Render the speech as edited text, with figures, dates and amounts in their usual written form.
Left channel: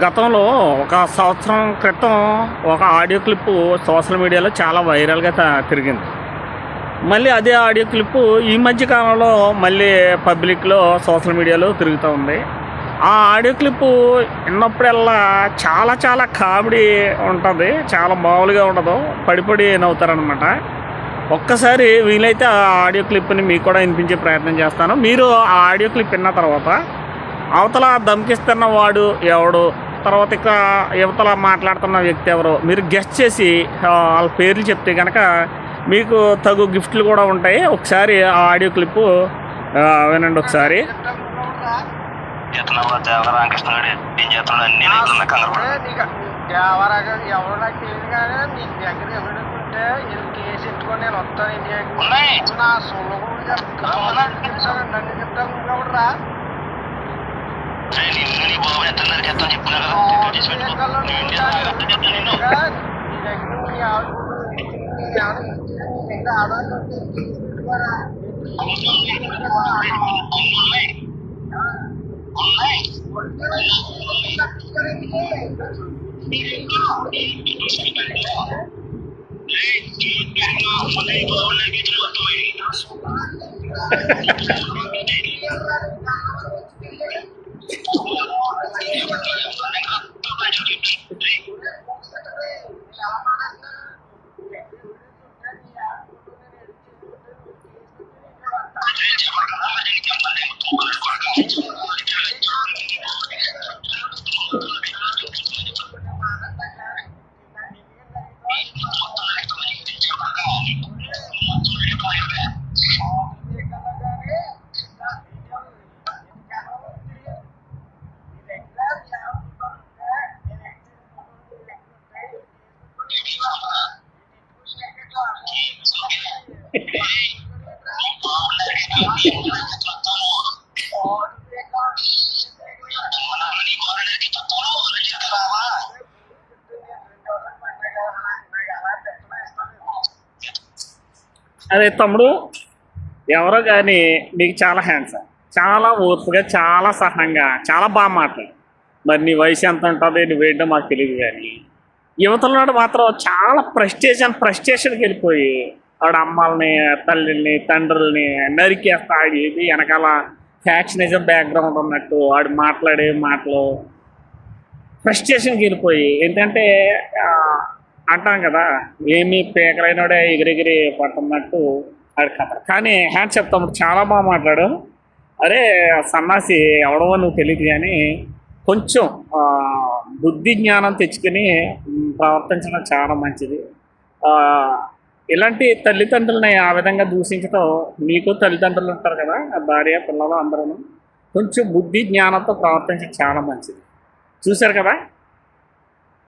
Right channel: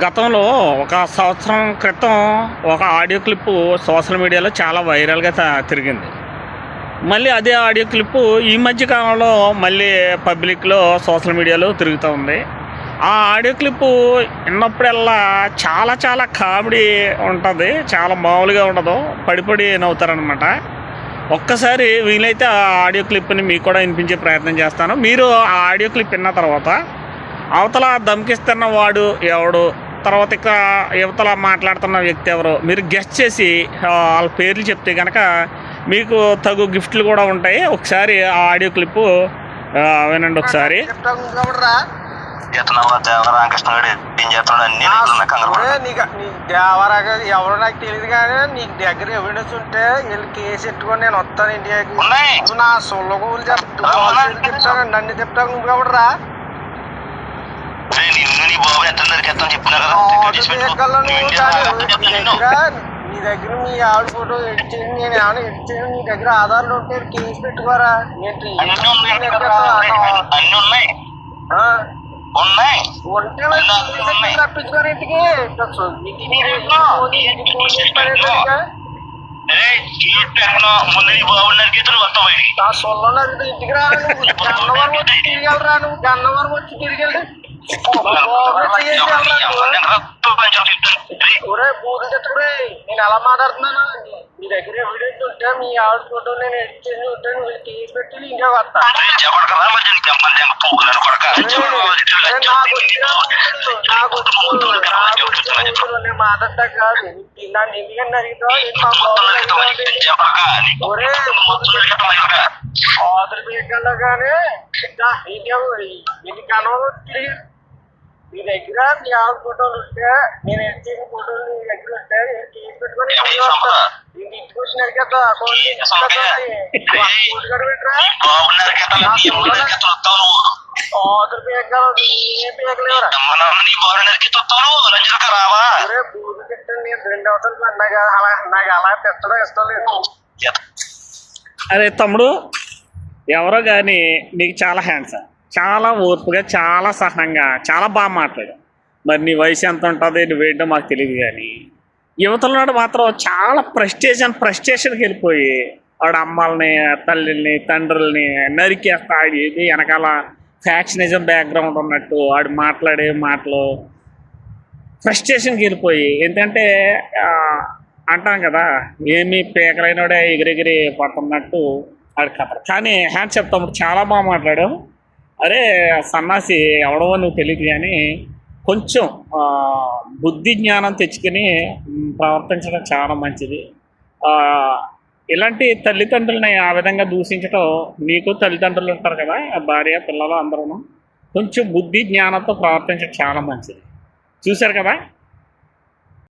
గతంలో ఒక సంవత్సరం క్రితం ఒక ఆడియో క్లిప్పు సోషల్ మీడియాలో చాలా వైరల్గా తిరిగింది. మళ్ళీ అదే ఆడియో క్లిప్పు ఈ మధ్య కాలంలో మళ్ళీ పబ్లిక్లో సోషల్ మీడియాలో తిరుగుతూ ఉంది. ఆ ఆడియో క్లిప్పు విన్నప్పుడల్లా చాలా చాలా కామెడీ ఉంటుంది, చాలా మామూలుగా ఉండదు, పడి నవ్వుతారనమాట. ఒక్కసారి వీలైతే ఆ ఆడియో క్లిప్ని మీకు కూడా వినిపించే ప్రయత్నం చేస్తాను. మీరు ఆ ఆడియో క్లిప్ విన్న తర్వాత అవతల ధమ్కిస్తున్న వాడు ఎవడు, తర్వాత ఇక యువతల మాట్లాడుతున్న వ్యక్తి ఎవరో మీరు గెస్ట్ చేసి వాళ్ళ పేర్లు చెప్తే కనుక మీకు తగు గిఫ్ట్లు కూడా ఉంటాయి. ఒకసారి ఆ ఆడియో క్లిప్పు వినండి ఒకసారి. ఎవరు నాకు తెలియదు కానీ నీకు దగ్గర ఎవిడెన్స్ ఉంటే వీళ్ళు కేసు ఎట్టుకొని నేను వస్తాను ఇండియాకి. నా సొంత గోలు చెప్తానండి, అన్ని చెప్తాను. ఎవడరా నీ దగ్గర మీ ఆవిడ ఫోటో ఎడిట్ చేయండి, నేను ఏమైనా ఎడిట్ చేయండి. నీ దగ్గర ఆధార్లు ఉంటే కేసు పెట్టుకోరా. తప్పించుకోరు ఇంటికి ఇంటికి రా. గన్నవరం వచ్చి తిరిగెళ్ళరా, నువ్వు గన్నవరం వచ్చి తిరిగెళ్ళి పూజ చెట్టుకురే. నేను ఎలా మాట్లాడుతున్నాను, మీ దగ్గర ఎవిడెన్స్ ఉంటే మీ ఆవిడ ఫోటో నేను ఎడిట్ చేసి ఉంటే నువ్వు తీసి పెట్టి ఇంకా వస్తా. నేను మాట్లాడతా కాదు, నన్ను ఎందుకని అడిగితావు? ఆంధ్రప్రదేశ్లో కానీ ఎన్ని కనవలు తిరిగి మీ దగ్గర మీ ఆవిడ ఫోటోలు ఉంటే నేను ఎడిట్ చేసిన ఫోటోలు నీ దగ్గర ఉంటే తీసి పెట్టుకొని వస్తా. ఇంటికి వచ్చిన కదా నాకు అలా పెట్టడం ఇష్టం లేదు. అరే తమ్ముడు, ఎవరో కానీ నీకు చాలా హ్యాండ్సమ్, చాలా ఓర్పుగా, చాలా సహనంగా, చాలా బాగా మాట్లాడు. మరి నీ వయసు ఎంత ఉంటుంది, నువ్వేంటో మాకు తెలియదు. కానీ యువతలనాడు మాత్రం చాలా ఫ్రస్ట్రేషన్కి వెళ్ళిపోయి ఆవిడ అమ్మాలని, తల్లిని, తండ్రుల్ని నరికేస్తా. ఇది వెనకాల ఫ్యాక్షనిజం బ్యాక్గ్రౌండ్ ఉన్నట్టు ఆడు మాట్లాడే మాటలు ఫ్రస్ట్రేషన్కి వెళ్ళిపోయి, ఎందుకంటే అంటాం కదా, ఏమి పేకలైనడే ఎగిరెగిరి పడుతున్నట్టు ఆడి కథ. కానీ హ్యాండ్స్ చెప్తాము, చాలా బాగా మాట్లాడు. అరే సన్నాసి ఎవడో నువ్వు తెలియదు, కానీ కొంచెం బుద్ధి జ్ఞానం తెచ్చుకొని ప్రవర్తించడం చాలా మంచిది. ఇలాంటి తల్లిదండ్రులని ఆ విధంగా దూషించడం, నీకు తల్లిదండ్రులు ఉంటారు కదా, భార్య పిల్లలు అందరూ కొంచెం బుద్ధి జ్ఞానంతో ప్రవర్తించడం చాలా మంచిది. చూశారు కదా.